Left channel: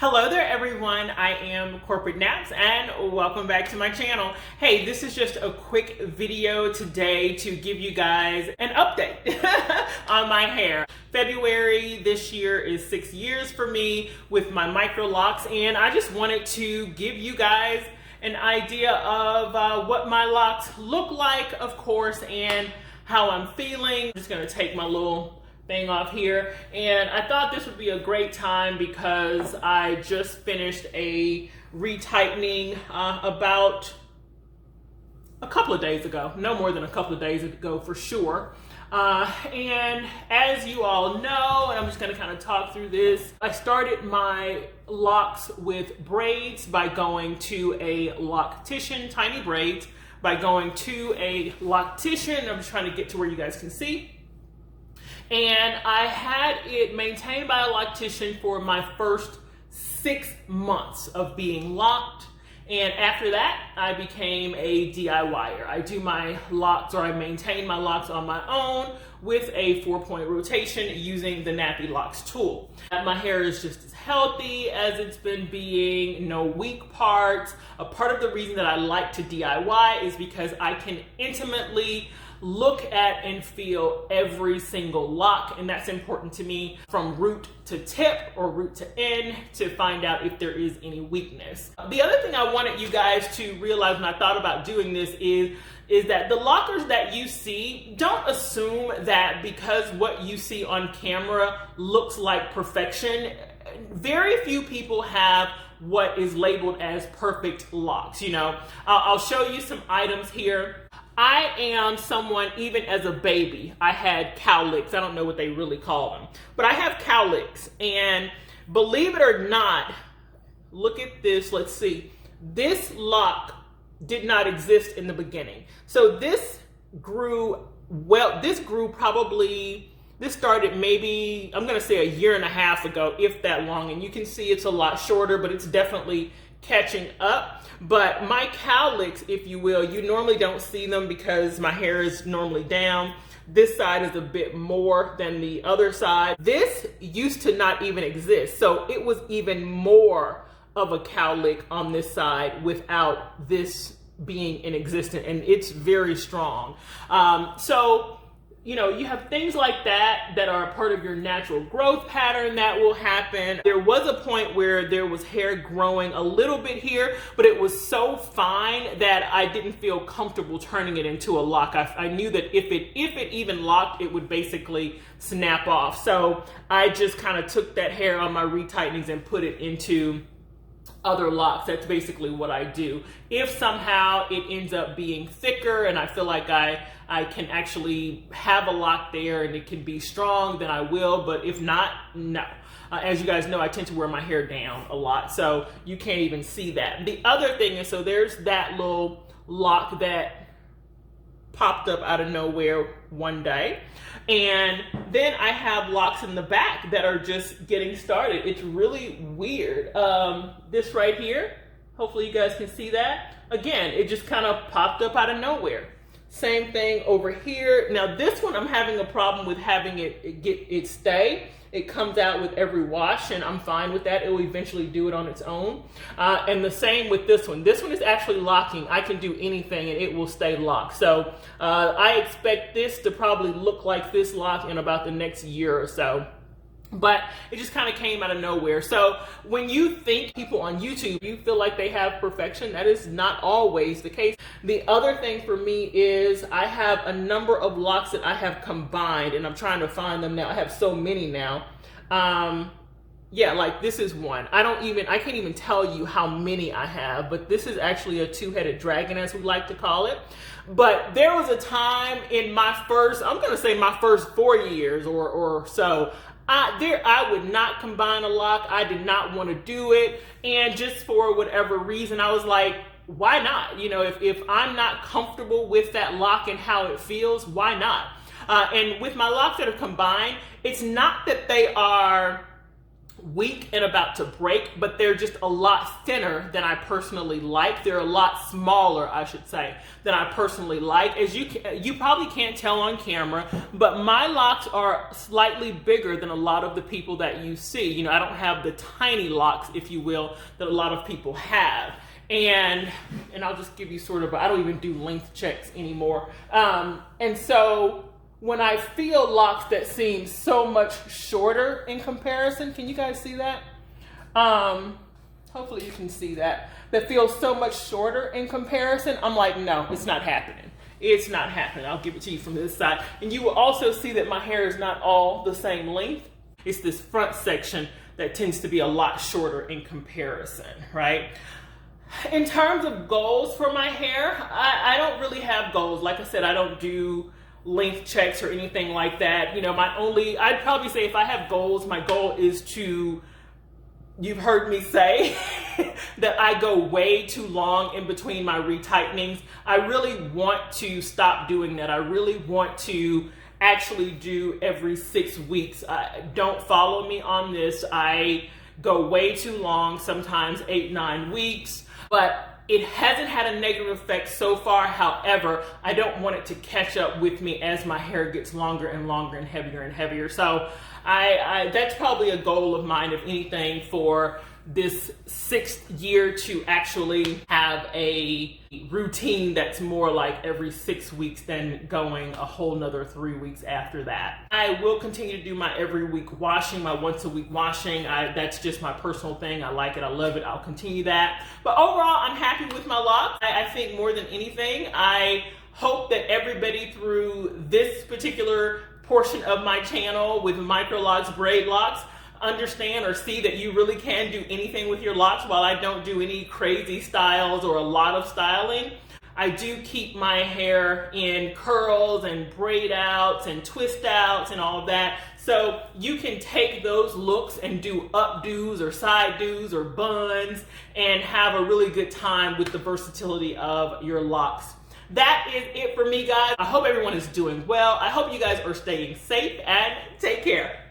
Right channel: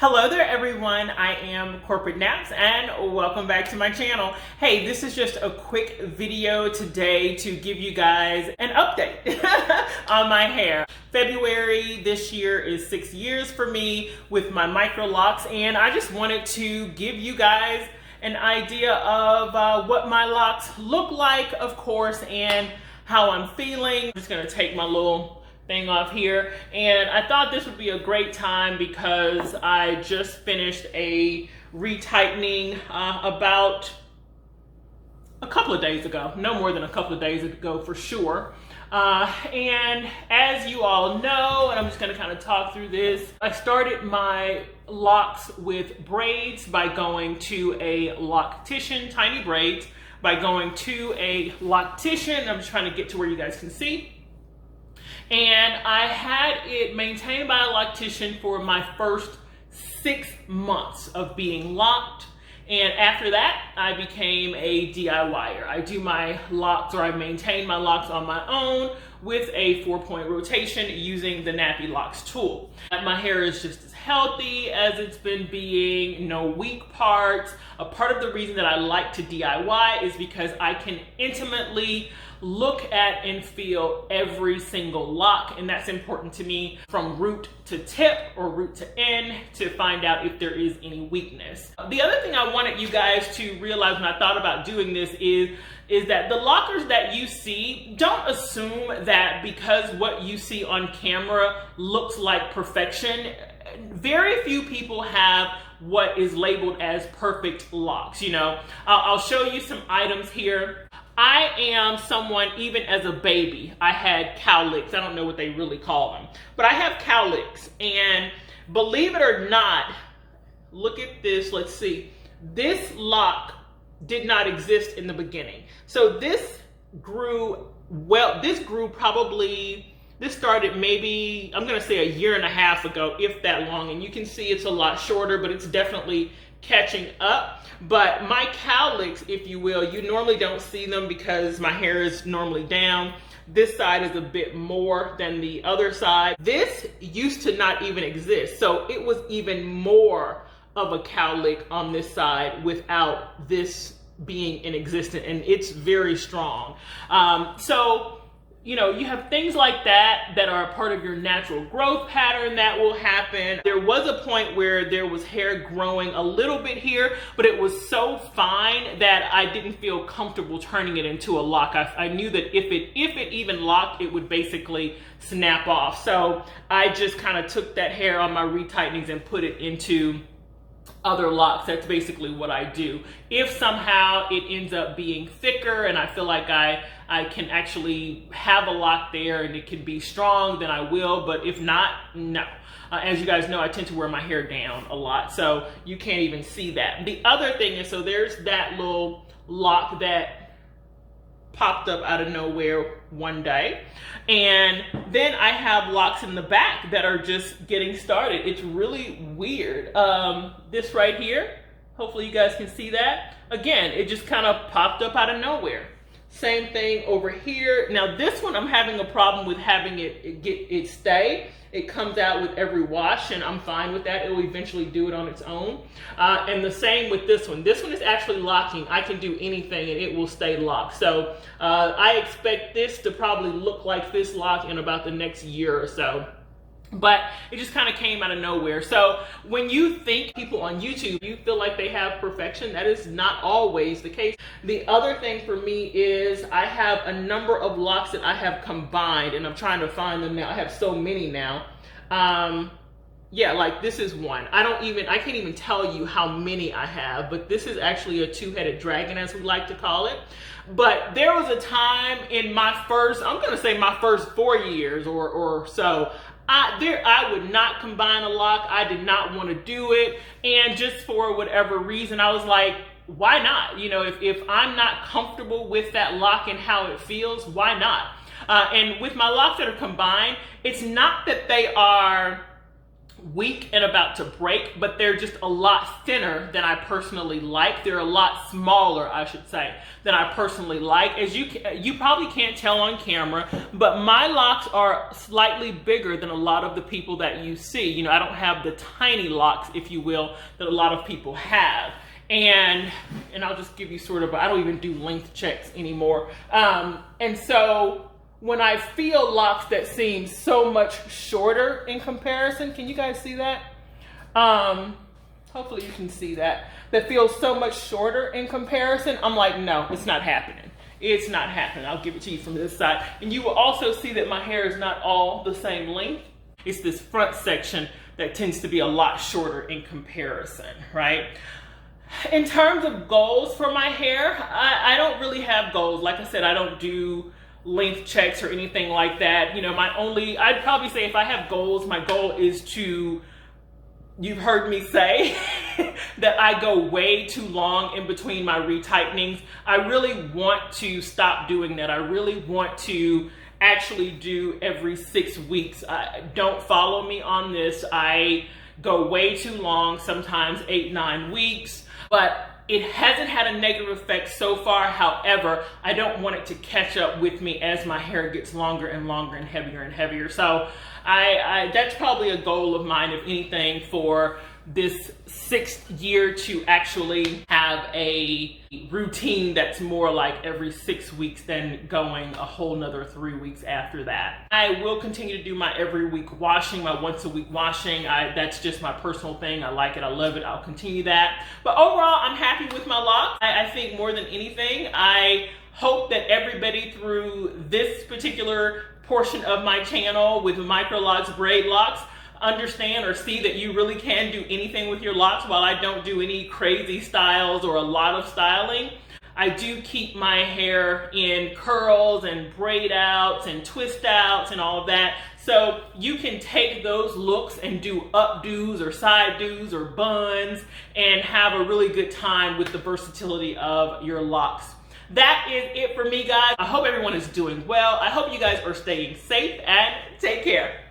Hello there everyone, I am CorporateNapps and welcome back to my channel. Hey, this is just a quick video today to give you guys an update on my hair. February this year is 6 years for me with my MICROLOCs, and I just wanted to give you guys an idea of what my locks look like, of course, and how I'm feeling. I'm just gonna take my little thing off here, and I thought this would be a great time because I just finished a retightening about a couple of days ago, no more than a couple of days ago for sure. And as you all know, and I'm just going to kind of talk through this, I started my locks with braids by going to a loctician, tiny braids, by going to a loctician. I'm just trying to get to where you guys can see. And I had it maintained by a loctician for my first 6 months of being locked. And after that, I became a DIYer. I do my locks, or I maintain my locks on my own with a 4-point rotation using the Nappy Locks tool. My hair is just as healthy as it's been being, no weak parts. A part of the reason that I like to DIY is because I can intimately look at and feel every single lock, and that's important to me from root to tip or root to end to find out if there is any weakness. The other thing I wanted you guys to realize when I thought about doing this is that the lockers that you see, don't assume that because what you see on camera looks like perfection. Very few people have what is labeled as perfect locks. You know, I'll show you some items here. I am someone, even as a baby, I had Cowlicks. I don't know what they really call them, but I have Cowlicks. And believe it or not, look at this, let's see. This lock did not exist in the beginning. So this grew, this started maybe, I'm gonna say a year and a half ago, if that long. And you can see it's a lot shorter, but it's definitely catching up. But my Cowlicks, if you will, you normally don't see them because my hair is normally down. This side is a bit more than the other side. This used to not even exist. So it was even more of a cowlick on this side without this being in existence, and it's very strong. So, you know, you have things like that that are a part of your natural growth pattern that will happen. There was a point where there was hair growing a little bit here, but it was so fine that I didn't feel comfortable turning it into a lock. I knew that if it even locked, it would basically snap off. So I just kind of took that hair on my retightenings and put it into other locks. That's basically what I do. If somehow it ends up being thicker and I feel like I can actually have a lock there and it can be strong, then I will. But if not, no. As you guys know, I tend to wear my hair down a lot, so you can't even see that. The other thing is, so there's that little lock that popped up out of nowhere one day. And then I have locks in the back that are just getting started. It's really weird. This right here, hopefully you guys can see that. Again, it just kind of popped up out of nowhere. Same thing over here. Now this one, I'm having a problem with having it stay. It comes out with every wash, and I'm fine with that. It will eventually do it on its own. And the same with this one. This one is actually locking. I can do anything and it will stay locked. So I expect this to probably look like this lock in about the next year or so. But it just kind of came out of nowhere. So when you think people on YouTube, you feel like they have perfection, that is not always the case. The other thing for me is I have a number of locks that I have combined, and I'm trying to find them now. I have so many now. Yeah, like this is one. I can't even tell you how many I have, but this is actually a two-headed dragon, as we like to call it. But there was a time in my first, I'm gonna say my first 4 years or so, I would not combine a lock. I did not want to do it. And just for whatever reason, I was like, why not? You know, if I'm not comfortable with that lock and how it feels, why not? And with my locks that are combined, it's not that they are weak and about to break, but they're just a lot thinner than I personally like. They're a lot smaller, I should say, than I personally like. As you probably can't tell on camera, but my locks are slightly bigger than a lot of the people that you see. You know, I don't have the tiny locks, if you will, that a lot of people have. And I'll just give you sort of, I don't even do length checks anymore. And so when I feel locks that seem so much shorter in comparison, can you guys see that? Hopefully you can see that. That feels so much shorter in comparison, I'm like, no, it's not happening. It's not happening. I'll give it to you from this side. And you will also see that my hair is not all the same length. It's this front section that tends to be a lot shorter in comparison, right? In terms of goals for my hair, I don't really have goals. Like I said, I don't do length checks or anything like that. You know, I'd probably say if I have goals, my goal is to, you've heard me say that I go way too long in between my retightenings. I really want to stop doing that. I really want to actually do every 6 weeks. Don't follow me on this. I go way too long, sometimes 8-9 weeks, but it hasn't had a negative effect so far. However, I don't want it to catch up with me as my hair gets longer and longer and heavier. So that's probably a goal of mine, if anything, for this 6th year, to actually have a routine that's more like every 6 weeks than going a whole nother 3 weeks after that. I will continue to do my every week washing, my once a week washing. That's just my personal thing. I like it. I love it. I'll continue that. But overall, I'm happy with my locks. I think more than anything, I hope that everybody through this particular portion of my channel with MICROLOCs, Braidlocs, understand or see that you really can do anything with your locks. While I don't do any crazy styles or a lot of styling, I do keep my hair in curls and braid outs and twist outs and all of that. So you can take those looks and do updos or side dos or buns and have a really good time with the versatility of your locks. That is it for me, guys. I hope everyone is doing well. I hope you guys are staying safe, and take care.